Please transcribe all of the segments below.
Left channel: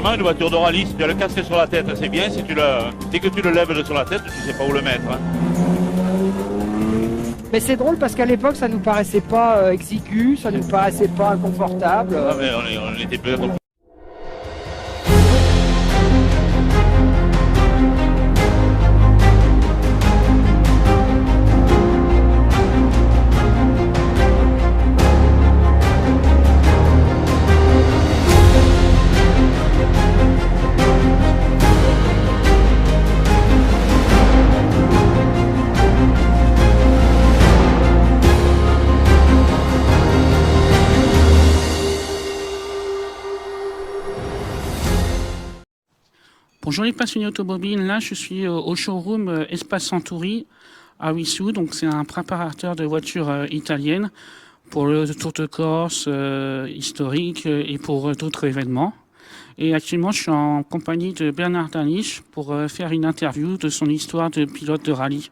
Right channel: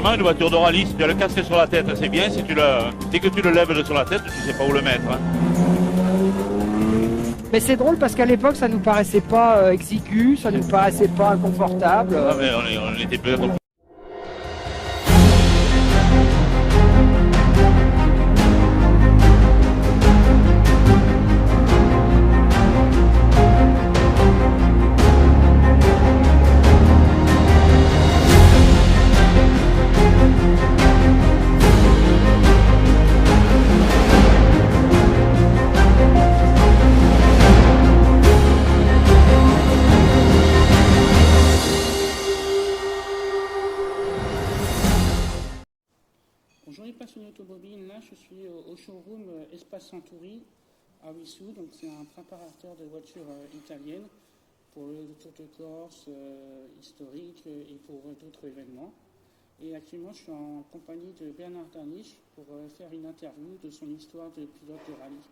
vraiment une voiture de rallye. Si tu as le casque sur la tête, c'est bien. Si dès que tu le lèves de sur la tête, tu sais pas où le mettre. Hein. Mais c'est drôle parce qu'à l'époque, ça nous paraissait pas exigu, ça nous paraissait pas inconfortable. Ah, mais on était peut-être. Bonjour les passionnés automobiles, là je suis au showroom Espace Centuri à Wissous, donc c'est un préparateur de voitures italiennes pour le Tour de Corse historique et pour d'autres événements. Et actuellement je suis en compagnie de Bernard Danisch pour faire une interview de son histoire de pilote de rallye.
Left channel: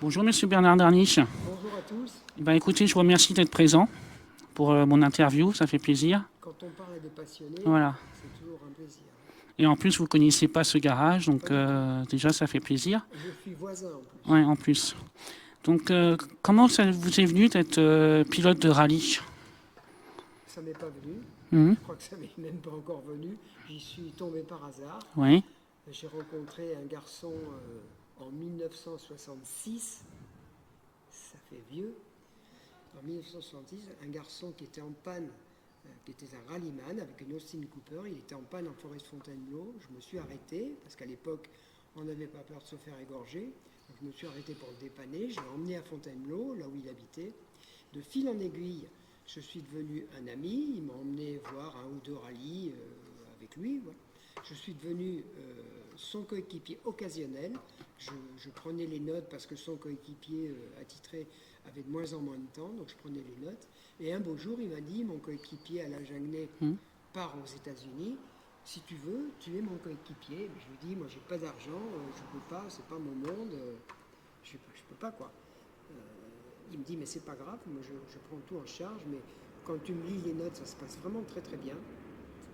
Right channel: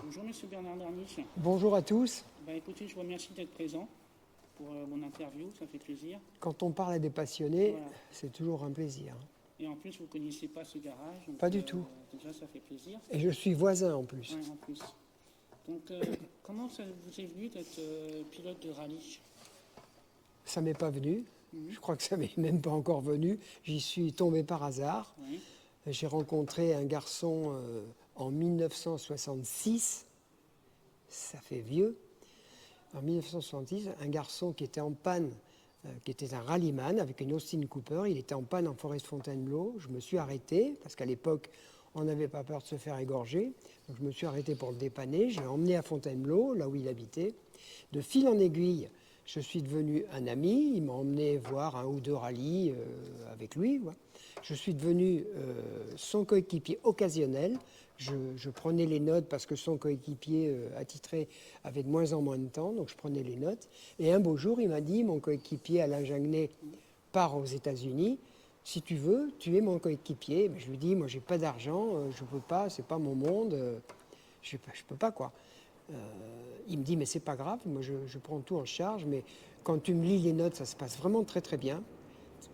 Bonjour monsieur Bernard Danisch. Bonjour à tous. Ben, écoutez, je vous remercie d'être présent pour mon interview, ça fait plaisir. Quand on parle à des passionnés, voilà. C'est toujours un plaisir. Et en plus, vous ne connaissez pas ce garage, donc déjà, ça fait plaisir. Et je suis voisin en plus. Oui, en plus. Donc, comment ça vous est venu d'être pilote de rallye? Ça m'est pas venu. Je crois que ça m'est même pas encore venu. J'y suis tombé par hasard. Oui. J'ai rencontré un garçon en 1966. Ça fait vieux. En 1966, un garçon qui était en panne, qui était un rallyman avec une Austin Cooper. Il était en panne en forêt de Fontainebleau. Je me suis arrêté, parce qu'à l'époque, on n'avait pas peur de se faire égorger. Donc je me suis arrêté pour le dépanner. Je l'ai emmené à Fontainebleau, là où il habitait. De fil en aiguille, je suis devenu un ami. Il m'a emmené voir un ou deux rallyes avec lui. Ouais. Je suis devenu son coéquipier occasionnel. Je prenais les notes parce que son coéquipier attitré avait de moins en moins de temps, donc je prenais les notes. Et un beau jour, il m'a dit, mon coéquipier Alain Jagnet part aux États-Unis. Si tu veux, tu es mon coéquipier. Mais je lui dis, moi, j'ai pas d'argent, je peux pas, c'est pas mon monde, je peux pas quoi. Il me dit, mais c'est pas grave, moi, je prends tout en charge, mais quand tu me lis les notes, ça se passe vraiment très très bien.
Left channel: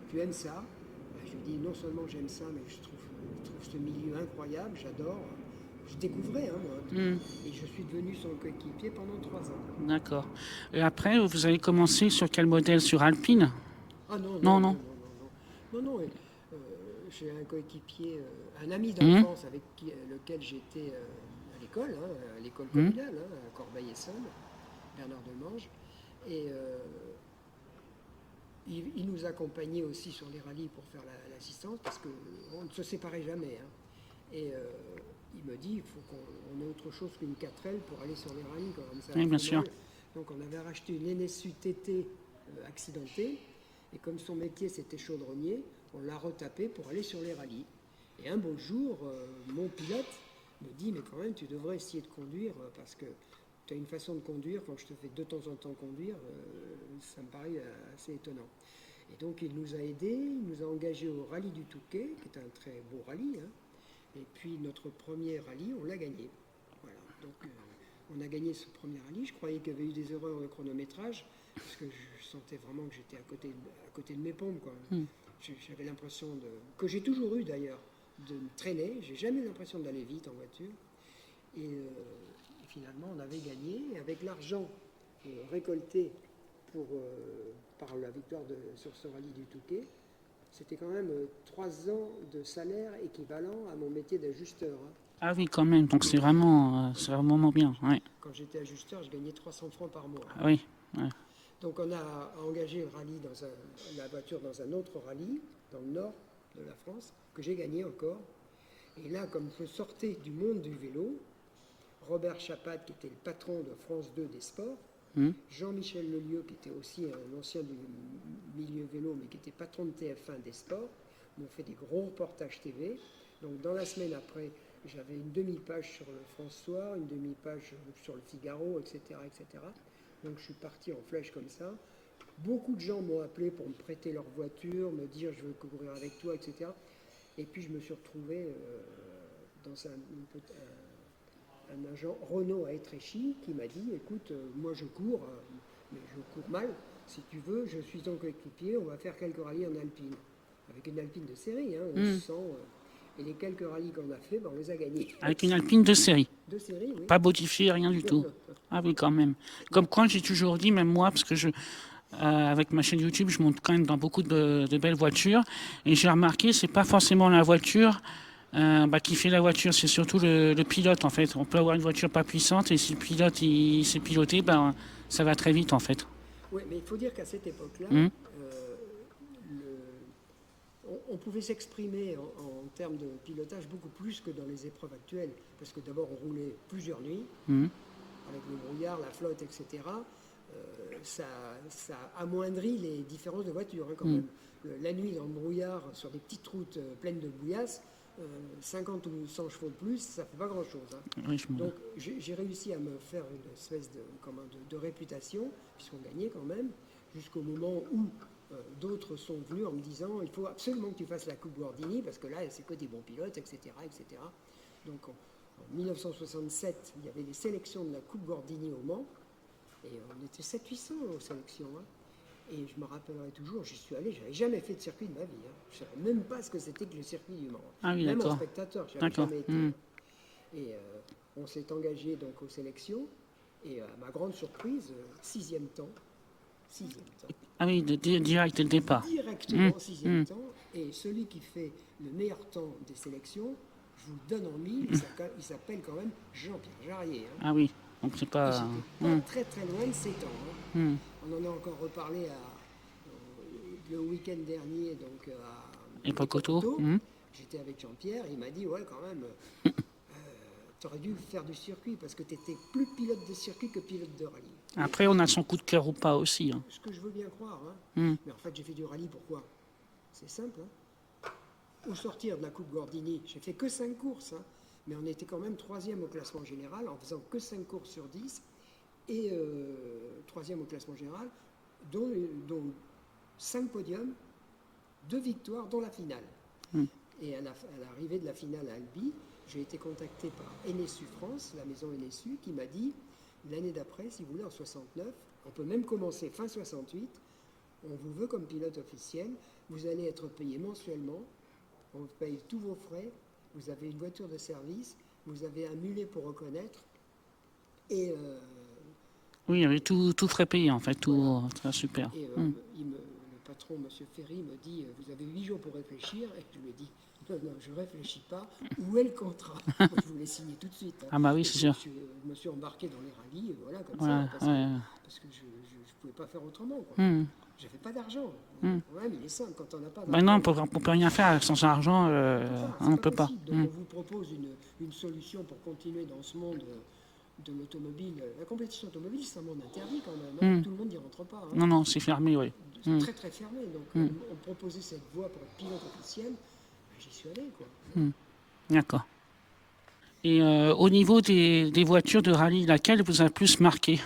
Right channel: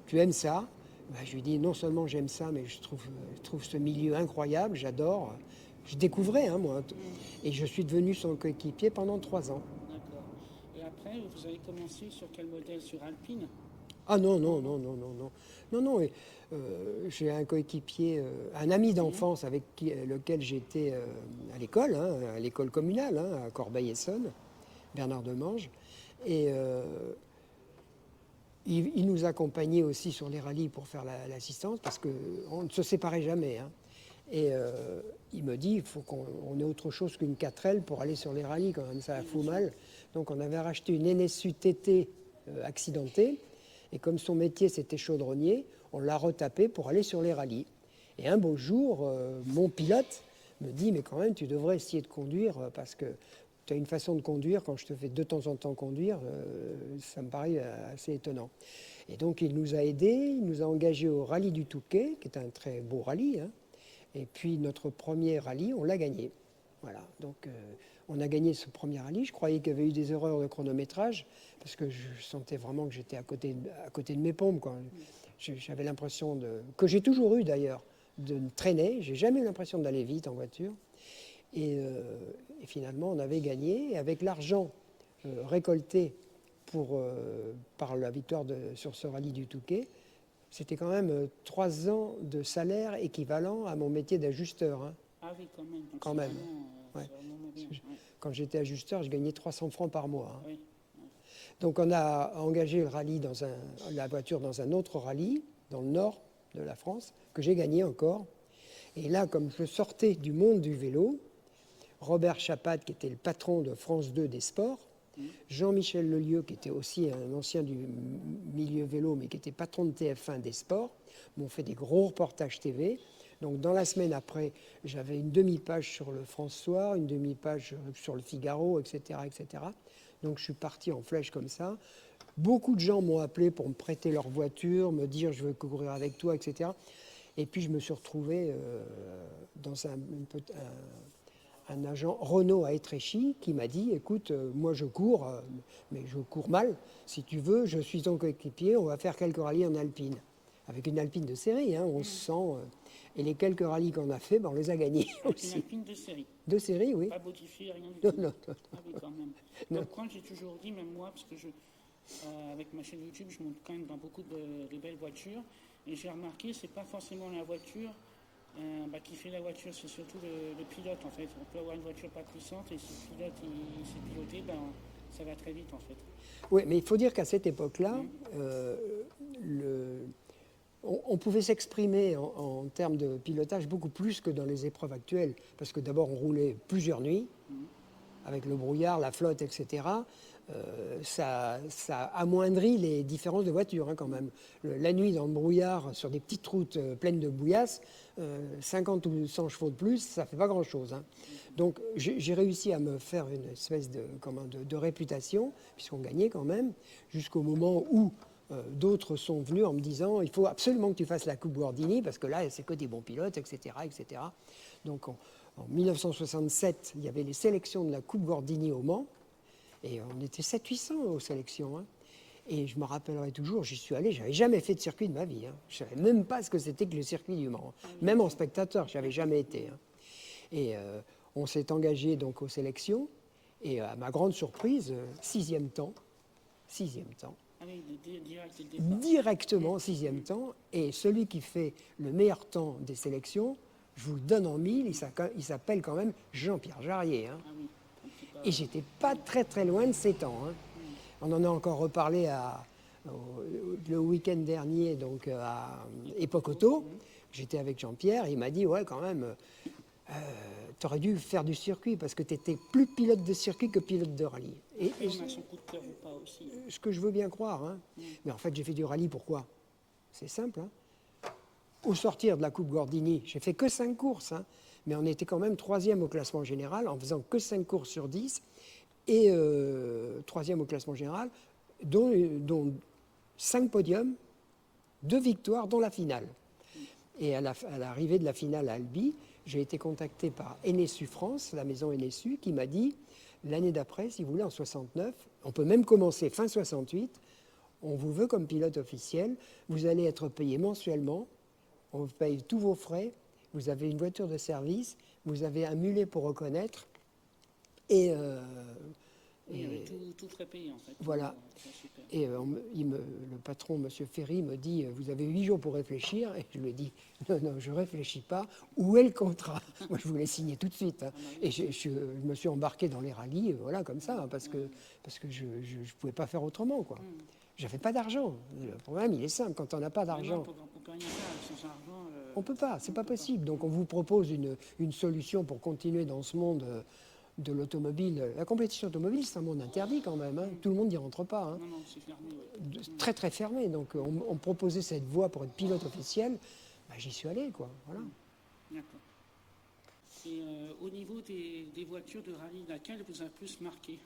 Tu aimes ça? Je lui dis, non seulement j'aime ça, mais je trouve ce milieu incroyable, j'adore. Je découvrais, moi. Et je suis devenu son coéquipier pendant 3 ans. D'accord. Et après, vous avez commencé sur quel modèle? Sur Alpine? Ah non. J'ai un coéquipier, un ami d'enfance avec lequel j'étais à l'école, à l'école communale, à Corbeil-Essonnes, Bernard Demange. Et il nous accompagnait aussi sur les rallyes pour faire l'assistance, parce qu'on ne se séparait jamais. Et il me dit, il faut qu'on ait autre chose qu'une 4L pour aller sur les rallyes, quand même, ça fout mal. Donc on avait racheté une NSU TT accidentée, et comme son métier c'était chaudronnier, on l'a retapé pour aller sur les rallyes. Et un beau jour, mon pilote me dit, mais quand même, tu devrais essayer de conduire, parce que tu as une façon de conduire, quand je te fais de temps en temps conduire, ça me paraît assez étonnant. Et donc il nous a aidés, il nous a engagés au rallye du Touquet, qui est un très beau rallye, Et puis notre premier rallye, on l'a gagné. Voilà, donc on a gagné ce premier rallye. Je croyais qu'il y avait eu des erreurs de chronométrage, parce que je sentais vraiment que j'étais à côté de mes pompes, quoi. J'avais l'impression que j'ai toujours eu d'ailleurs, de me traîner. J'ai jamais eu l'impression d'aller vite en voiture. Et finalement, on avait gagné. Et avec l'argent récolté par la victoire sur ce rallye du Touquet, c'était quand même 3 ans de salaire équivalent à mon métier d'ajusteur. Ah oui, quand même. Donc c'est vraiment bien. Ouais. Quand j'étais ajusteur, je gagnais 300 francs par mois. Oui. Ouais. Donc on a engagé le rallye la voiture dans un autre rallye, dans le nord de la France, que j'ai gagné encore. Et là, comme je sortais du monde du vélo, Robert Chapat, qui était le patron de France 2 des sports, Jean-Michel Lelieu, qui était aussi un ancien du milieu vélo, mais qui était patron de TF1 des sports, m'ont fait des gros reportages TV. Donc dans la semaine après, j'avais une demi-page sur le France Soir, une demi-page sur le Figaro, etc., etc. Donc je suis parti en flèche comme ça. Beaucoup de gens m'ont appelé pour me prêter leur voiture, me dire je veux courir avec toi, etc. Et puis je me suis retrouvé dans un agent Renault à Étréchy qui m'a dit, écoute, moi je cours, mais je cours mal. Si tu veux, je suis ton coéquipier, on va faire quelques rallyes en Alpine. avec une Alpine de série, hein, 1100. Et les quelques rallyes qu'on a fait, ben, on les a gagnés. Avec une Alpine de série. De série, oui. Pas modifiée, rien du tout. Non. Ah oui, quand même. Comme quoi, j'ai toujours dit, même moi, parce que avec ma chaîne YouTube, je monte quand même dans beaucoup de belles voitures. Et j'ai remarqué, c'est pas forcément la voiture qui fait la voiture, c'est surtout le pilote, en fait. On peut avoir une voiture pas puissante, et si le pilote il sait piloter, ça va très vite, en fait. Oui, mais il faut dire qu'à cette époque-là, on pouvait s'exprimer en termes de pilotage beaucoup plus que dans les épreuves actuelles. Parce que d'abord, on roulait plusieurs nuits, avec le brouillard, la flotte, etc. Ça amoindrit les différences de voitures, hein, quand même. La nuit, dans le brouillard, sur des petites routes pleines de bouillasse, 50 ou 100 chevaux de plus, ça ne fait pas grand-chose. Hein. Oui, Donc, j'ai réussi à me faire une espèce de réputation, puisqu'on gagnait quand même, jusqu'au moment où d'autres sont venus en me disant il faut absolument que tu fasses la Coupe Gordini, parce que là, c'est que des bons pilotes, etc. etc. Donc, en 1967, il y avait les sélections de la Coupe Gordini au Mans, et on était 700-800 aux sélections. Hein. Et je me rappellerai toujours, j'y suis allé, je n'avais jamais fait de circuit de ma vie. Hein. Je ne savais même pas ce que c'était que le circuit du Mans. Ah oui, même en d'accord. spectateur, je n'avais jamais été. Hein. Et on s'est engagé donc aux sélections. Et à ma grande surprise, 6e temps. 6e temps. Ah oui, direct dès le départ. Directement 6e temps. Et celui qui fait le meilleur temps des sélections, je vous le donne en mille, il s'appelle quand même Jean-Pierre Jarier. Hein. Ah oui, donc c'est pas... Et j'étais pas très très loin de ces temps. Hein. On en a encore reparlé le week-end dernier donc à Epokoto. J'étais avec Jean-Pierre et il m'a dit ouais quand même, tu aurais dû faire du circuit parce que tu étais plus pilote de circuit que pilote de rallye. Après, on a son coup de cœur ou pas aussi. Hein. Ce que je veux bien croire. Hein. Mais en fait, j'ai fait du rallye, pourquoi? C'est simple. Hein. Au sortir de la Coupe Gordini, j'ai fait que 5 courses. Hein. Mais on était quand même 3e au classement général en faisant que 5 courses sur 10 et 3e au classement général, dont 5 podiums, 2 victoires, dont la finale. Et à l'arrivée de la finale à Albi, j'ai été contacté par NSU France, la maison NSU, qui m'a dit l'année d'après, si vous voulez, en 69, on peut même commencer fin 68, on vous veut comme pilote officiel, vous allez être payé mensuellement, on vous paye tous vos frais, vous avez une voiture de service, vous avez un mulet pour reconnaître, et... oui, il y avait tout frais payé en fait, tout voilà. Très super. Et le patron, M. Ferry, me dit vous avez 8 jours pour réfléchir. Et je lui ai dit non, je ne réfléchis pas. Où est le contrat? Moi, je voulais signer tout de suite. Hein. Ah bah oui, et c'est sûr. Je me suis embarqué dans les rallyes, voilà, comme ça, parce que je ne pouvais pas faire autrement. J'avais pas d'argent. Le problème, il est simple. Quand on n'a pas d'argent... non, on ne peut rien faire sans argent. On ne peut pas. C'est pas possible. Donc, on vous propose une solution pour continuer dans ce monde... de l'automobile. La compétition automobile, c'est un monde interdit quand même. Hein. Tout le monde n'y rentre pas. Hein. Non, c'est fermé, oui. C'est très, très fermé. Donc, on proposait cette voie pour être pilote officiel. J'y suis allé, quoi. D'accord. Et au niveau des voitures de rallye, laquelle vous a plus marqué?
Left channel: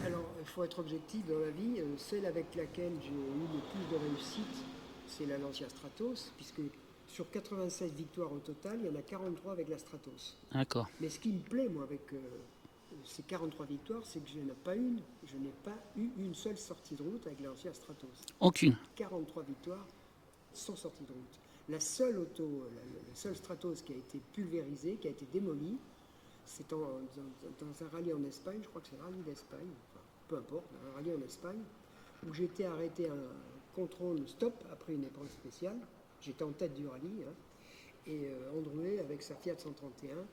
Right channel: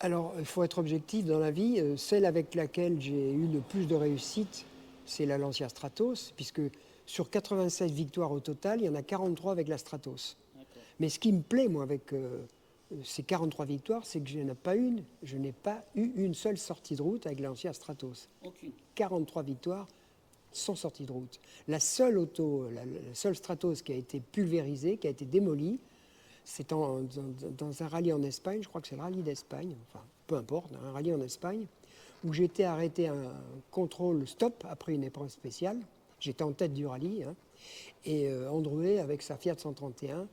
Alors, il faut être objectif dans la vie. Celle avec laquelle j'ai eu le plus de réussite, c'est la Lancia Stratos, puisque sur 87 victoires au total, il y en a 43 avec la Stratos. D'accord. Mais ce qui me plaît, moi, avec ces 43 victoires, c'est que je n'ai pas eu une seule sortie de route avec la Lancia Stratos. Aucune. 43 victoires sans sortie de route. La seule Stratos qui a été pulvérisée, qui a été démolie, c'est dans un rallye en Espagne, je crois que c'est le rallye d'Espagne, enfin, peu importe, un rallye en Espagne, où j'ai été arrêté à un contrôle stop après une épreuve spéciale. J'étais en tête du rallye, hein, et Androuet, avec sa Fiat 131,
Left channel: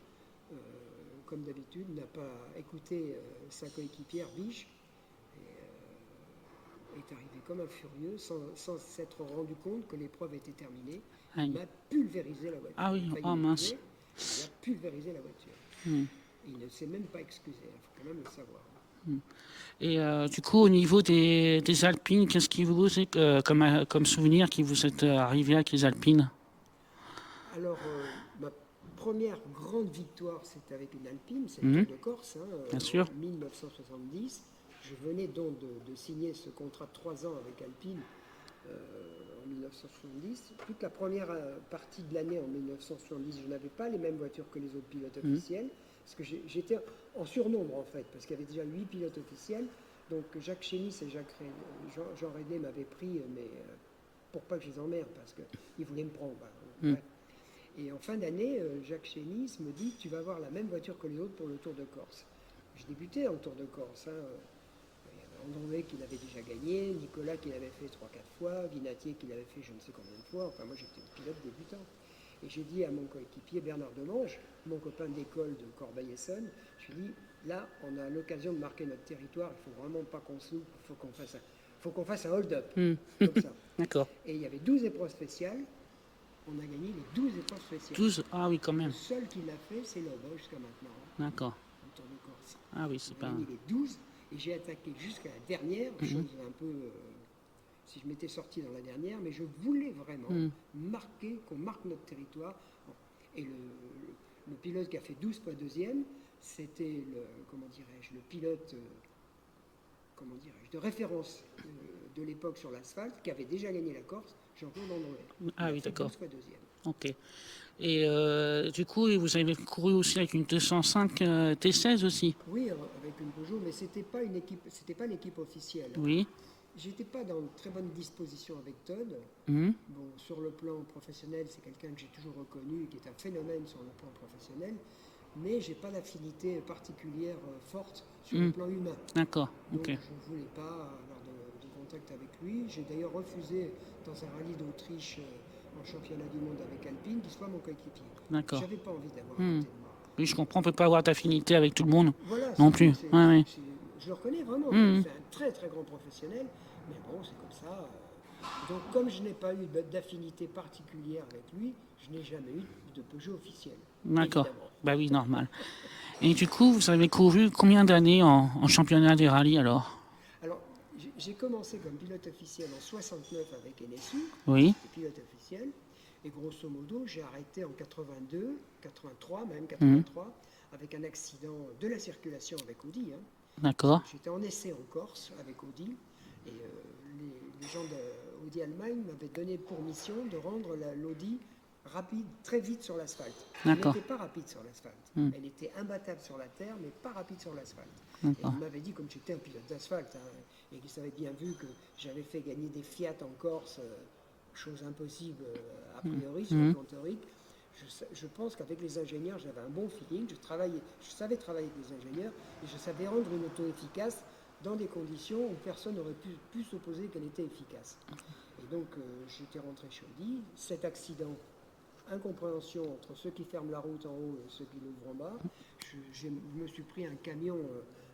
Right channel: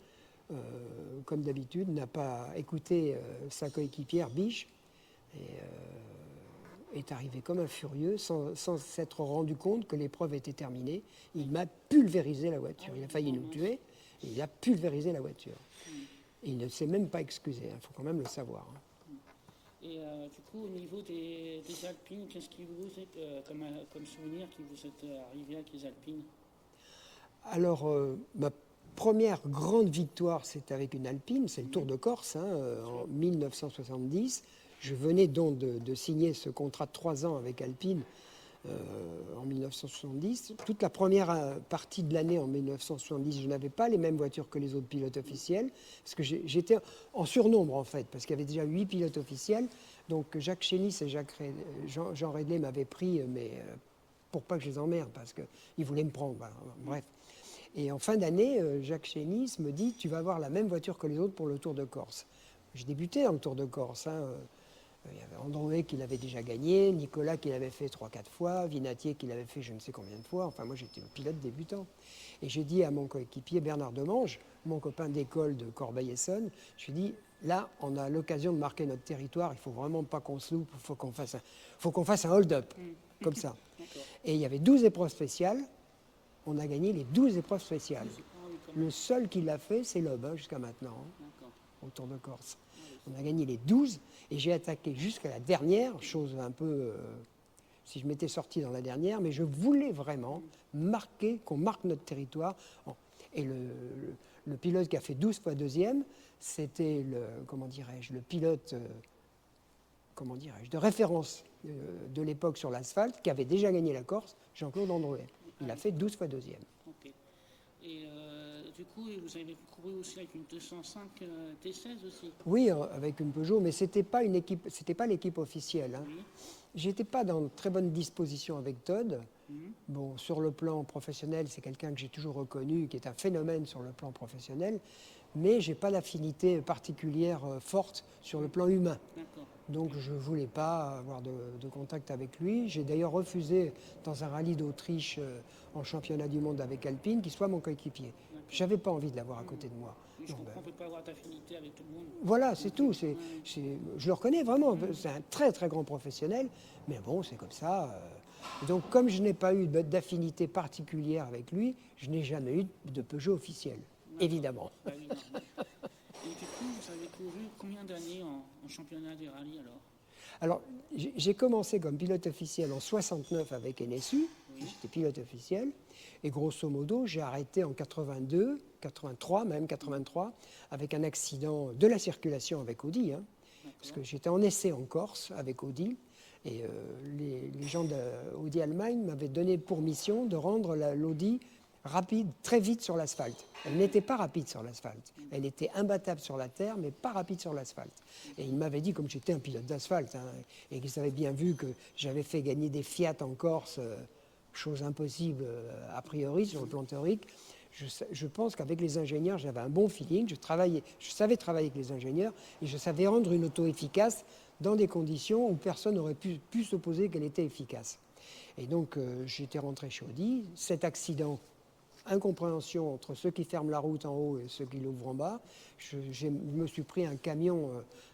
comme d'habitude, n'a pas écouté sa coéquipière Biche, et est arrivé comme un furieux, sans s'être rendu compte que l'épreuve était terminée. Il m'a pulvérisé la voiture. Ah oui, il a failli me tuer, il a pulvérisé la voiture. Et il ne s'est même pas excusé, il faut quand même le savoir. Et du coup, au niveau des Alpines, qu'est-ce qui vous est comme souvenir qui vous est arrivé avec les Alpines? Alors, ma première grande victoire, c'est avec une Alpine, c'est le Tour de Corse, en 1970. Je venais donc de signer ce contrat de 3 ans avec Alpine en 1970. Toute la première partie de l'année en 1970, je n'avais pas les mêmes voitures que les autres pilotes officiels, parce que j'étais en surnombre en fait, parce qu'il y avait déjà 8 pilotes officiels. Donc Jacques Chénis et Jean Rédlé m'avaient pris, mais pour pas que je les emmerde, parce qu'ils voulaient me prendre. Bref. Et en fin d'année, Jacques Chénis me dit « Tu vas avoir la même voiture que les autres pour le Tour de Corse ». Je débutais dans le Tour de Corse. Il y avait André qui l'avait déjà gagné, Nicolas qui l'avait fait 3-4 fois, Vinatier qui l'avait fait je ne sais combien de fois. Enfin, moi, j'étais pilote débutant. Et j'ai dit à mon coéquipier Bernard Demange, mon copain d'école de Corbeil-Essonnes, je lui ai dit « Là, on a l'occasion de marquer notre territoire, il ne faut vraiment pas qu'on se loupe, il faut qu'on fasse un hold-up, comme ça. » D'accord. Et il y avait 12 épreuves spéciales. On a gagné les 12 épreuves spéciales. 12, ah oui, quand même. Le seul qui l'a fait, c'est Loeb, jusqu'à maintenant, D'accord. au Tour de Corse. Ah oui, c'est On a pas... gagné les 12 et j'ai attaqué jusqu'à la dernière, chose un peu... si je m'étais sorti dans la dernière, mais je voulais vraiment qu'on marque notre territoire. Et le pilote qui a fait 12 fois deuxième, c'était le pilote de référence de l'époque sur l'asphalte, qui avait déjà gagné la Corse, Jean-Claude Androuet. Il a fait 12 fois deuxième. Ok. Et du coup, vous avez couru aussi avec une 205 T16 aussi? Oui, avec une Peugeot, mais c'était pas l'équipe officielle. Oui. J'étais pas dans de très bonne disposition avec Todd. Bon, sur le plan professionnel, c'est quelqu'un que j'ai toujours reconnu, qui est un phénomène sur le plan professionnel, mais j'ai pas d'affinité particulière forte sur le plan humain. D'accord. Donc Ok. je voulais pas avoir de contact avec lui. J'ai d'ailleurs refusé dans un rallye d'Autriche en championnat du monde avec Alpine qu'il soit mon coéquipier. D'accord. J'avais pas envie de l'avoir à côté de moi. Oui, je comprends, on ne peut pas avoir d'affinité avec tout le monde. Voilà, non c'est plus. tout. Ouais, ouais. Je le reconnais vraiment. C'est un très très grand professionnel, mais bon, c'est comme ça. Et donc, comme je n'ai pas eu d'affinité particulière avec lui, je n'ai jamais eu de Peugeot officiel, D'accord. évidemment. Bah oui, normal. Et du coup, vous avez couru combien d'années en championnat des rallyes alors? Alors, j'ai commencé comme pilote officiel en 69 avec NSU, Oui. j'étais pilote officiel, et grosso modo, j'ai arrêté en 82, 83 même, 83, avec un accident de la circulation avec Audi. D'accord. J'étais en essai en Corse avec Audi, et les gens d'Audi Allemagne m'avaient donné pour mission de rendre l'Audi rapide, très vite sur l'asphalte. Elle D'accord. n'était pas rapide sur l'asphalte. Elle était imbattable sur la terre, mais pas rapide sur l'asphalte. Et ils m'avaient dit, comme j'étais un pilote d'asphalte, et qu'ils avaient bien vu que j'avais fait gagner des Fiat en Corse, chose impossible a priori sur le plan théorique, je pense qu'avec les ingénieurs, j'avais un bon feeling. Je savais travailler avec les ingénieurs et je savais rendre une auto efficace dans des conditions où personne n'aurait pu s'opposer qu'elle était efficace. Et donc, j'étais rentré chez Audi. Cet accident, incompréhension entre ceux qui ferment la route en haut et ceux qui l'ouvrent en bas, je me suis pris un camion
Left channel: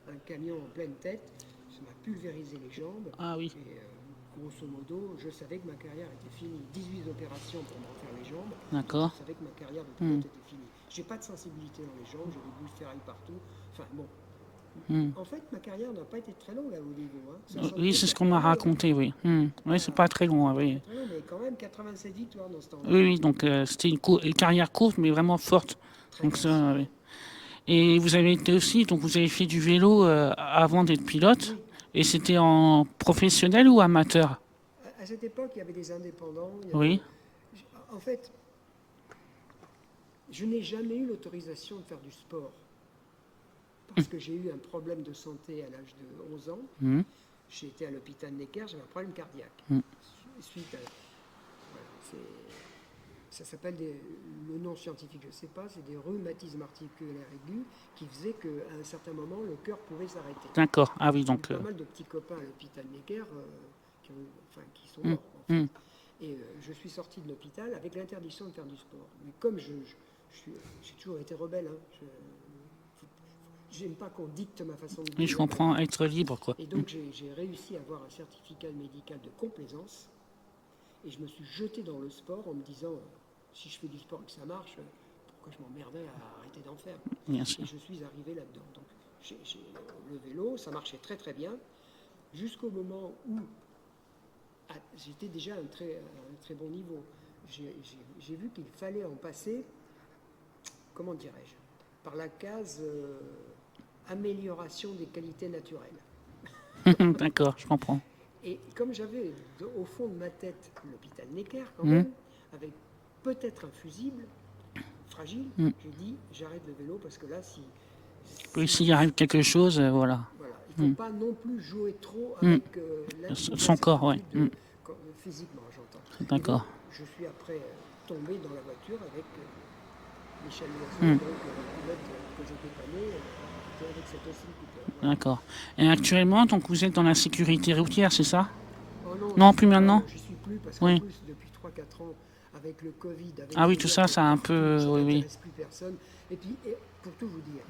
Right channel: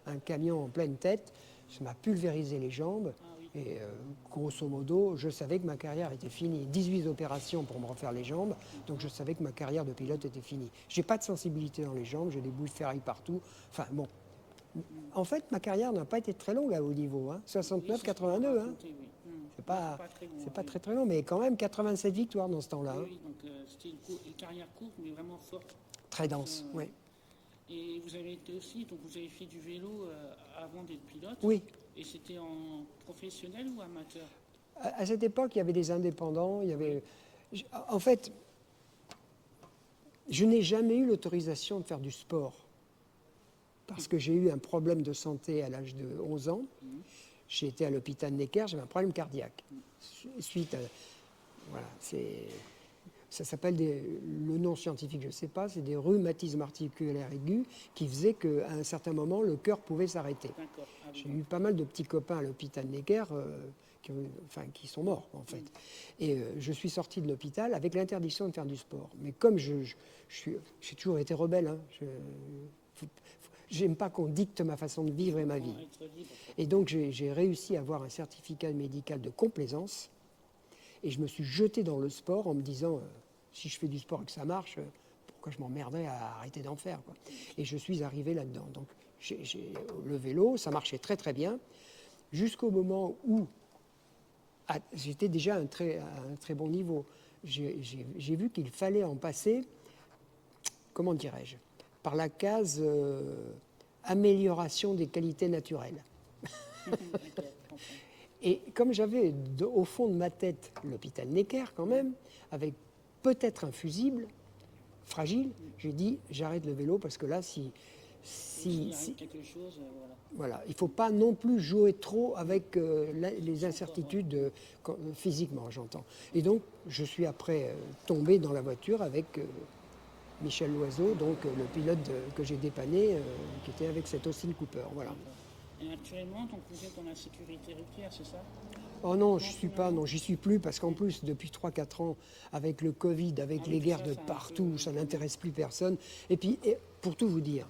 en pleine tête. Ça m'a pulvérisé les jambes. Ah oui. Et grosso modo, je savais que ma carrière était finie. 18 opérations pour me refaire les jambes. Donc D'accord. je savais que ma carrière de pilote était finie. J'ai pas de sensibilité dans les jambes, j'ai des bouts de ferraille partout. Enfin bon. En fait, ma carrière n'a pas été très longue à haut niveau. 69, Oui, c'est ce qu'on m'a 82, raconté, oui. Oui, c'est pas très long, c'est pas oui. très, très long, mais quand même 87 victoires dans ce temps-là. Oui, oui, donc c'était une carrière courte, mais vraiment forte. Très Donc dense, ça, oui. oui. Et vous avez été aussi, donc vous avez fait du vélo avant d'être pilote. Oui. Et c'était en professionnel ou amateur? À cette époque, il y avait des indépendants. Oui. En fait, je n'ai jamais eu l'autorisation de faire du sport. Parce que j'ai eu un problème de santé à l'âge de 11 ans. J'ai été à l'hôpital Necker, j'avais un problème cardiaque. Suite à... Voilà, ça s'appelle le nom scientifique, je ne sais pas, c'est des rhumatismes articulaires aigus qui faisaient qu'à un certain moment, le cœur pouvait s'arrêter. D'accord. Ah oui, J'ai eu donc. pas mal de petits copains à l'hôpital Necker qui sont morts, en fait. Et je suis sorti de l'hôpital avec l'interdiction de faire du sport. Mais comme j'ai toujours été rebelle, j'aime pas qu'on dicte ma façon de vivre. Oui, je comprends, être libre, quoi. Et donc j'ai réussi à avoir un certificat médical de complaisance. Et je me suis jeté dans le sport en me disant, si je fais du sport et que ça marche, pourquoi je m'emmerderais à arrêter d'en faire? Bien sûr. Et je suis arrivé là-dedans. Donc le vélo, ça marchait très très bien, jusqu'au moment où j'étais déjà à un très bon niveau. J'ai vu qu'il fallait en passer, comment dirais-je, par la case amélioration des qualités naturelles. D'accord, je comprends. Et comme j'avais au fond de ma tête l'hôpital Necker quand même, avec peut-être un fusible fragile, j'ai dit j'arrête le vélo parce que là, Et s'il arrive quelque chose, voilà. Voilà, il ne faut pas non plus jouer trop avec Son corps, ouais. Physiquement, j'entends. Et donc, D'accord. je suis après tombé dans la voiture avec Michel Loiseau, donc le pilote que j'ai dépanné, qui était avec cet Austin Cooper. Voilà. D'accord. Et actuellement, donc vous êtes dans la sécurité routière, c'est ça? Oh non, Non, plus maintenant. J'y suis plus parce qu'en Oui. plus, depuis 3-4 ans, avec le Covid, avec Ah oui, les tout guerres ça, de ça a un partout, peu- ça oui, oui. n'intéresse plus personne. Et puis, pour tout vous dire,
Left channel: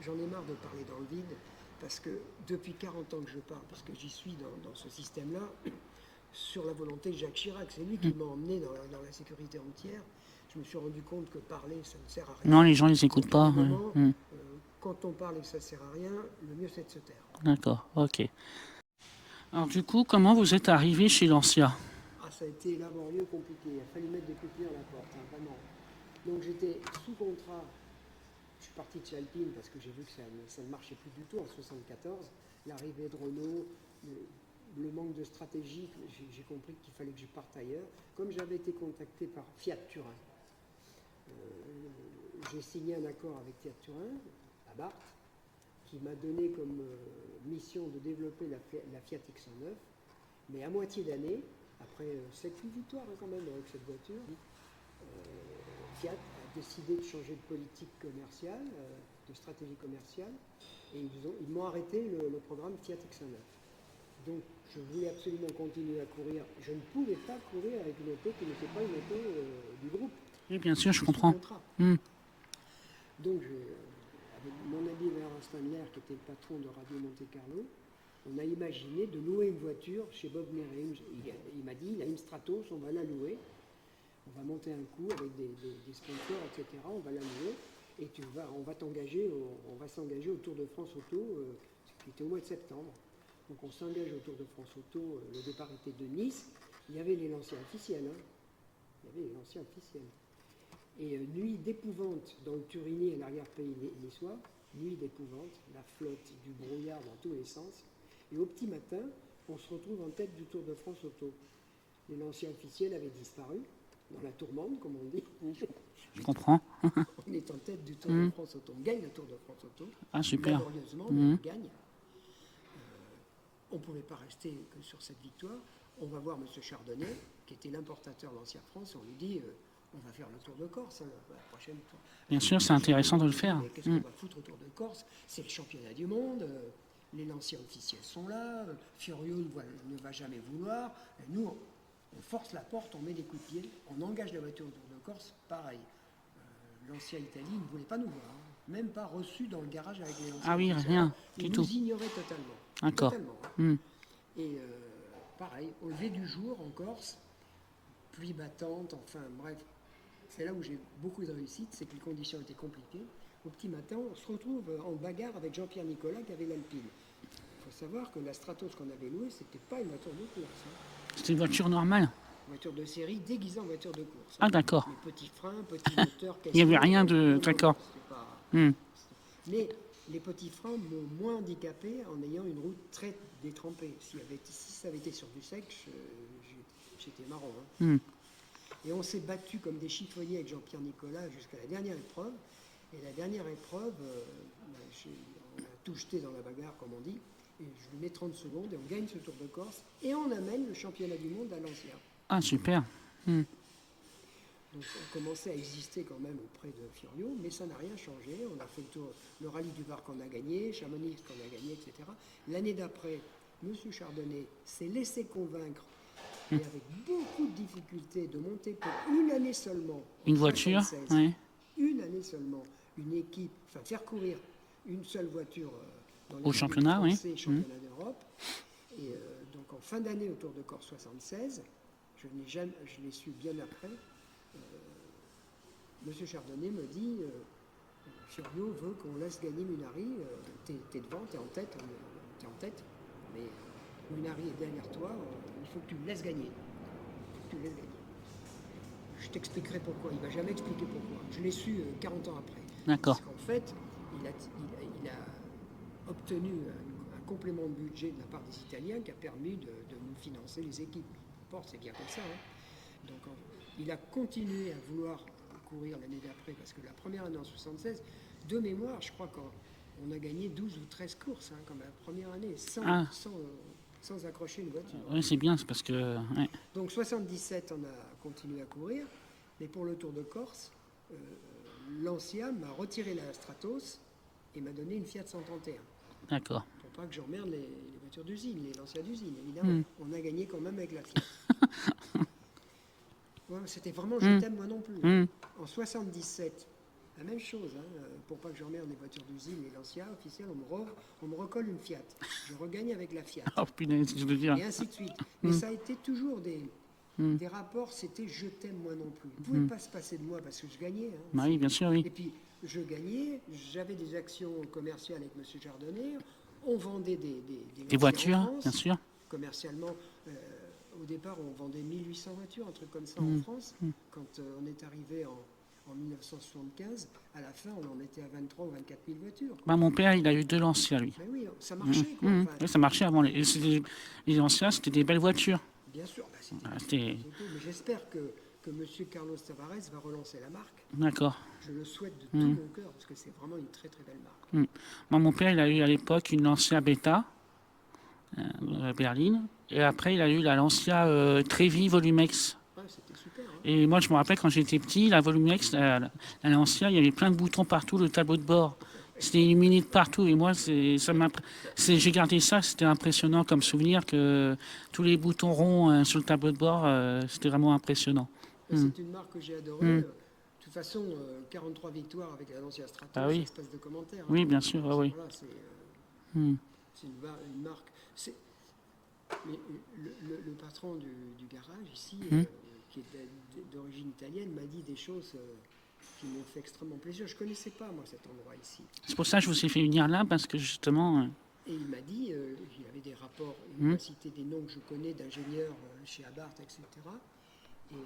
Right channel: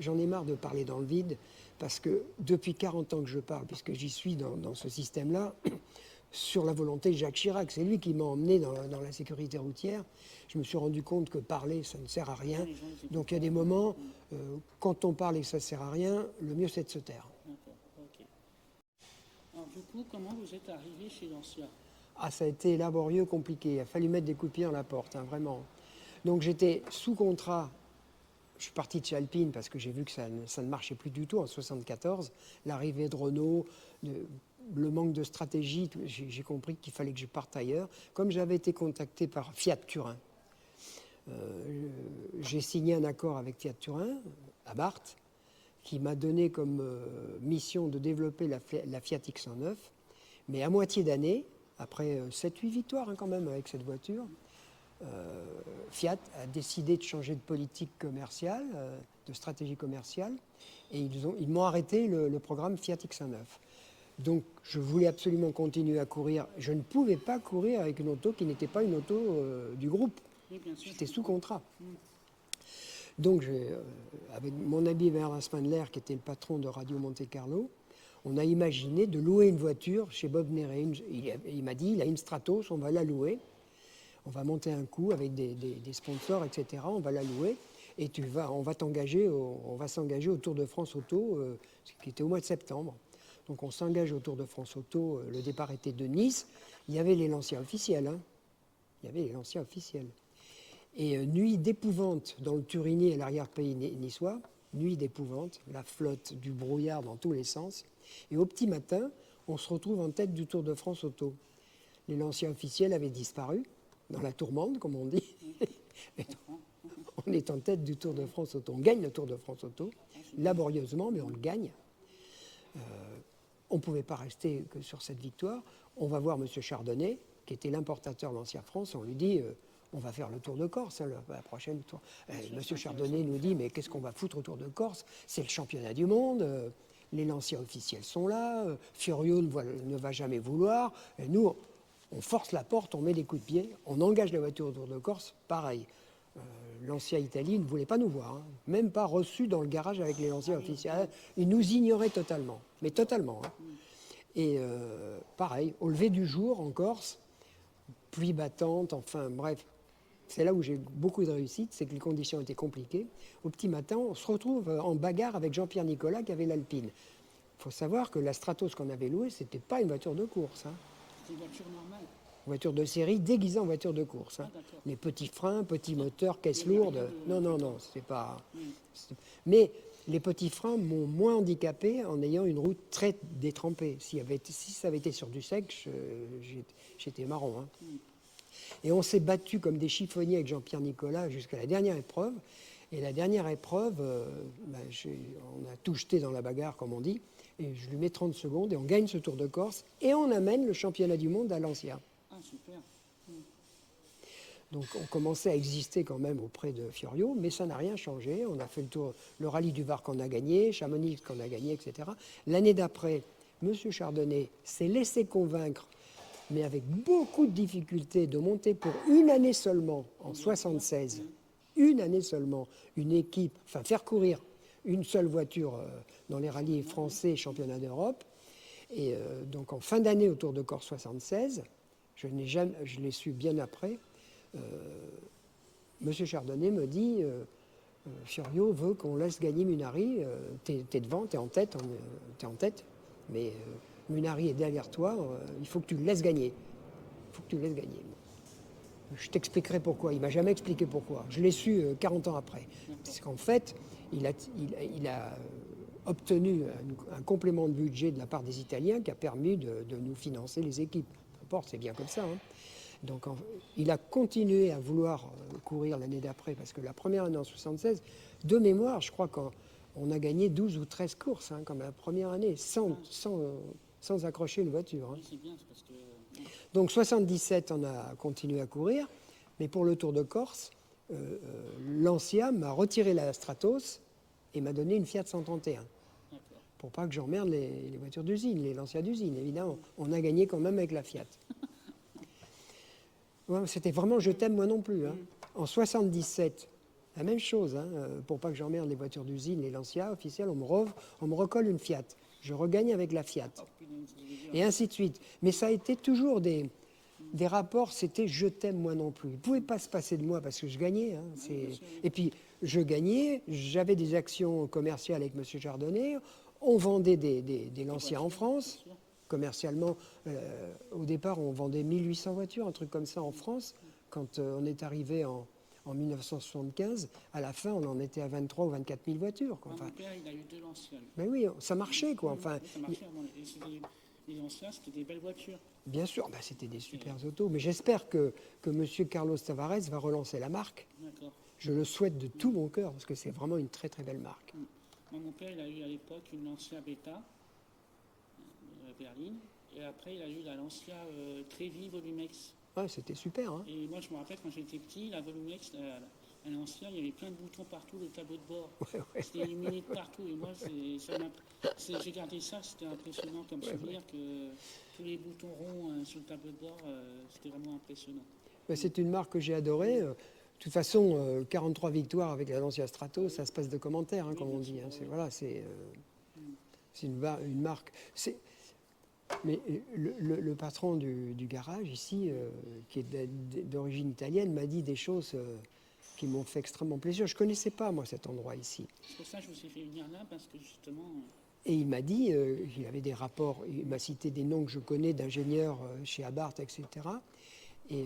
j'en ai marre de parler dans le vide parce que depuis 40 ans que je parle, puisque j'y suis dans ce système-là, sur la volonté de Jacques Chirac, c'est lui qui m'a emmené dans la sécurité routière. Je me suis rendu compte que parler, ça ne sert à rien. Non, les gens, ils Donc, écoutent il y a pas. des moments, quand on parle et que ça ne sert à rien, le mieux c'est de se taire. D'accord, ok. Alors du coup, comment vous êtes arrivé chez Lancia? Ah, ça a été laborieux, compliqué. Il a fallu mettre des coups de pied dans la porte, hein, vraiment. Donc j'étais sous contrat. Je suis parti de chez Alpine parce que j'ai vu que ça ne marchait plus du tout en 1974. L'arrivée de Renault, le manque de stratégie, j'ai compris qu'il fallait que je parte ailleurs. Comme j'avais été contacté par Fiat Turin, j'ai signé un accord avec Fiat Turin, à Barthes, qui m'a donné comme mission de développer la Fiat X109. Mais à moitié d'année, après 7-8 victoires quand même avec cette voiture, Fiat a décidé de changer de politique commerciale, de stratégie commerciale, et ils m'ont arrêté le programme Fiat X109. Donc je voulais absolument continuer à courir. Je ne pouvais pas courir avec une auto qui n'était pas une auto du groupe. Oui, bien sûr, je Sous comprends. contrat. Donc avec mon ami Bernard Spandler, qui était le patron de Radio Monte Carlo, on a imaginé de louer une voiture chez Bob Néret. Il m'a dit, il a une Stratos, on va la louer. On va monter un coup avec des sponsors, etc. On va la louer et on va s'engager au Tour de France Auto, qui était au mois de septembre. Donc on s'engage au Tour de France Auto, le départ était de Nice. Il y avait les Lancia officiels. Hein. Il y avait les Lancia officiels. Et nuit d'épouvante dans le Turinier et l'arrière-pays niçois, nuit d'épouvante, la flotte, du brouillard dans tous les sens. Et au petit matin, on se retrouve en tête du Tour de France Auto. Les Lancia officiels avaient disparu, dans la tourmente, comme on dit. Je comprends. On est en tête du Tour de France Auto. On gagne le Tour de France Auto, laborieusement, mais on gagne. On ne pouvait pas rester que sur cette victoire. On va voir M. Chardonnay, qui était l'importateur Lancia France, on lui dit on va faire le Tour de Corse, hein, la prochaine tour. Bien sûr, c'est intéressant de le faire. Mais qu'est-ce qu'on va foutre au Tour de Corse? C'est le championnat du monde, les Lancia officiels sont là, Fiorio ne va jamais vouloir. Et nous, on force la porte, on met des coups de pied, on engage la voiture au Tour de Corse, pareil. Lancia Italie ne voulait pas nous voir, hein, même pas reçu dans le garage avec les Lancia officiels. Rien, ils nous ignoraient totalement. Totalement. Hein. Et pareil, au lever du jour en Corse, pluie battante, enfin bref, c'est là où j'ai beaucoup de réussite, c'est que les conditions étaient compliquées. Au petit matin, on se retrouve en bagarre avec Jean-Pierre Nicolas qui avait l'Alpine. Il faut savoir que la Stratos qu'on avait louée, c'était pas une voiture de course. Hein. C'était une voiture normale. Voiture de série déguisée en voiture de course. Hein. Ah d'accord. Les petits freins, petits moteurs, caisse. Il n'y avait rien de... D'accord. Mais les petits freins m'ont moins handicapé en ayant une route très détrempée. Si ça avait été sur du sec, j'étais marron. Hein. Et on s'est battu comme des chiffonniers avec Jean-Pierre Nicolas jusqu'à la dernière épreuve. Et la dernière épreuve, on a tout jeté dans la bagarre, comme on dit. Et je lui mets 30 secondes et on gagne ce Tour de Corse. Et on amène le championnat du monde à Lancia. Ah, super. Donc on commençait à exister quand même auprès de Fiorio, mais ça n'a rien changé. On a fait le rallye du Var qu'on a gagné, Chamonix qu'on a gagné, etc. L'année d'après, M. Chardonnay s'est laissé convaincre, mais avec beaucoup de difficultés, de monter pour une année seulement, en une voiture, 76, une année seulement, une équipe, enfin faire courir une seule voiture dans les rallyes français, championnat d'Europe. Et donc en fin d'année au Tour de Corse 76, je l'ai su bien après, M. Chardonnay me dit Fiorio veut qu'on laisse gagner Munari, t'es devant, t'es en tête, mais Munari est derrière toi, il faut que tu le laisses gagner. Je t'expliquerai pourquoi. Il ne m'a jamais expliqué pourquoi. Je l'ai su 40 ans après. Parce qu'en fait, il a obtenu un complément de budget de la part des Italiens qui a permis de nous financer les équipes. C'est bien comme ça. Hein. Donc il a continué à vouloir courir l'année d'après, parce que la première année en 76, de mémoire, je crois qu'on on a gagné 12 ou 13 courses, hein, comme la première année, sans accrocher une voiture. Oui, c'est bien, c'est parce que... ouais. Donc 77, on a continué à courir, mais pour le Tour de Corse, Lancia m'a retiré la Stratos et m'a donné une Fiat 131. D'accord. Pour pas que j'emmerde les voitures d'usine, les Lancia d'usine, évidemment. On a gagné quand même avec la Fiat. Ouais, c'était vraiment je t'aime moi non plus. Hein. En 77, la même chose. Hein, pour pas que j'emmerde les voitures d'usine, les Lancia officiels, on me recolle une Fiat. Je regagne avec la Fiat. Oh punaise, je veux dire. Et ainsi de suite. Mais ça a été toujours des rapports, c'était je t'aime moi non plus. Vous ne pouvez pas se passer de moi parce que je gagnais. Hein, Oui, bien sûr, oui. Et puis, je gagnais, j'avais des actions commerciales avec M. Chardonnay, on vendait des Lancia voitures, en France. bien sûr. Commercialement, au départ, on vendait 1800 voitures, un truc comme ça en France. Quand on est arrivé en 1975, à la fin, on en était à 23 ou 24 000 voitures. Quoi. Bah, mon père, il a eu 2 Lancia, lui. Mais oui, ça marchait, quoi. Enfin, Oui, ça marchait avant. Les Lancia, c'était des belles voitures. bien sûr, bah, c'était des c'était- super autos. Mais j'espère que M. Carlos Tavares va relancer la marque. D'accord. Je le souhaite de tout mon cœur, parce que c'est vraiment une très très belle marque. Moi, mon père, il a eu à l'époque une Lancia Beta, berline. Et après, il a eu la Lancia Trevi Volumex. Ouais, c'était super. Hein. Et moi, je me rappelle quand j'étais petit, la Volumex, la Lancia, il y avait plein de boutons partout, le tableau de bord. C'était illuminé de partout. Et moi, j'ai gardé ça, c'était impressionnant comme souvenir que tous les boutons ronds sur le tableau de bord, c'était vraiment impressionnant. Mais c'est une marque que j'ai adorée. De toute façon, 43 victoires avec la Lancia Stratos, Ah oui. ça se passe de commentaires. Hein, Oui, quand bien même. sûr, C'est- oui. Voilà, c'est une marque. Mais le patron du garage ici, qui est d'origine italienne, m'a dit des choses qui m'ont fait extrêmement plaisir. Je ne connaissais pas, moi, cet endroit ici. C'est pour ça que je vous ai fait venir là, parce que justement... Et il m'a dit, il avait des rapports, il m'a cité des noms que je connais d'ingénieurs chez Abarth, etc. Et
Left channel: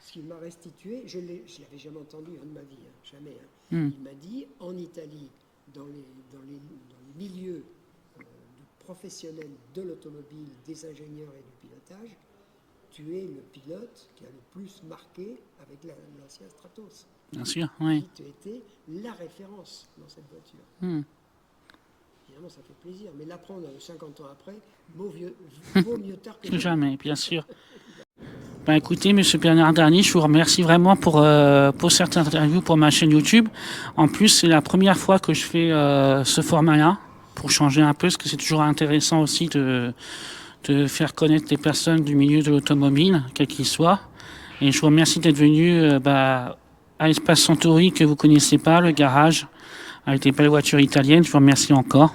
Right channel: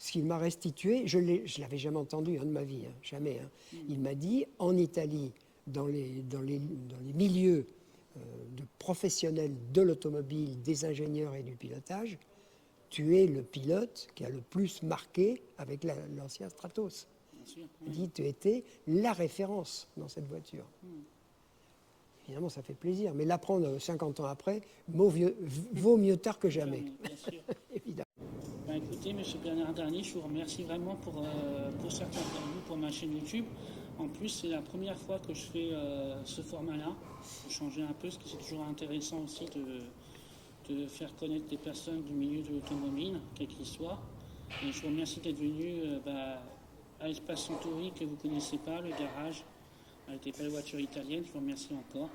ce qu'il m'a restitué, je ne l'avais jamais entendu de ma vie, hein, jamais. Hein. Il m'a dit, en Italie, dans les milieux de professionnels de l'automobile, des ingénieurs et du pilotage, tu es le pilote qui a le plus marqué avec l'ancien Stratos. Bien sûr, oui. Il dit, tu étais la référence dans cette voiture. Évidemment, ça fait plaisir. Mais l'apprendre 50 ans après, vaut mieux tard que jamais. Jamais, bien sûr. Ben, écoutez, Monsieur Bernard Darny, je vous remercie vraiment pour cette interview pour ma chaîne YouTube. En plus, c'est la première fois que je fais ce format-là, pour changer un peu, parce que c'est toujours intéressant aussi de faire connaître les personnes du milieu de l'automobile, quel qu'il soit. Et je vous remercie d'être venu à Espace Centauri, que vous ne connaissez pas, le garage, avec des belles voitures italiennes. Je vous remercie encore.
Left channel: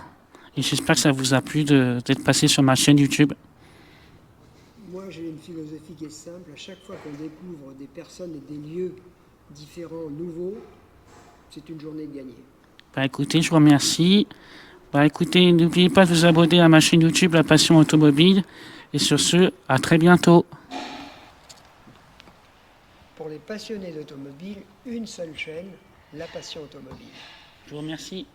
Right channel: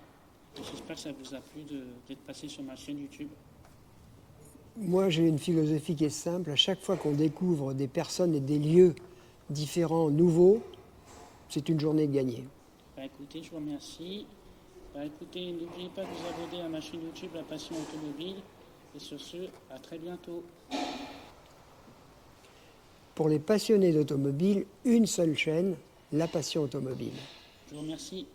Et j'espère que ça vous a plu d'être passé sur ma chaîne YouTube. Moi, j'ai une philosophie qui est simple. À chaque fois qu'on découvre des personnes et des lieux différents, nouveaux, c'est une journée gagnée. Bah, écoutez, je vous remercie. Bah, écoutez, n'oubliez pas de vous abonner à ma chaîne YouTube, La Passion Automobile. Et sur ce, à très bientôt. Pour les passionnés d'automobile, une seule chaîne, La Passion Automobile. Je vous remercie.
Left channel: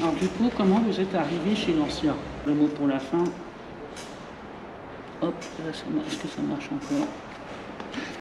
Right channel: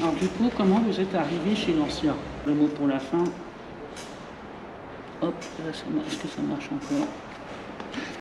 Alors du coup, comment vous êtes arrivé chez Lancia? Le mot pour la fin. Hop, est-ce que ça marche encore?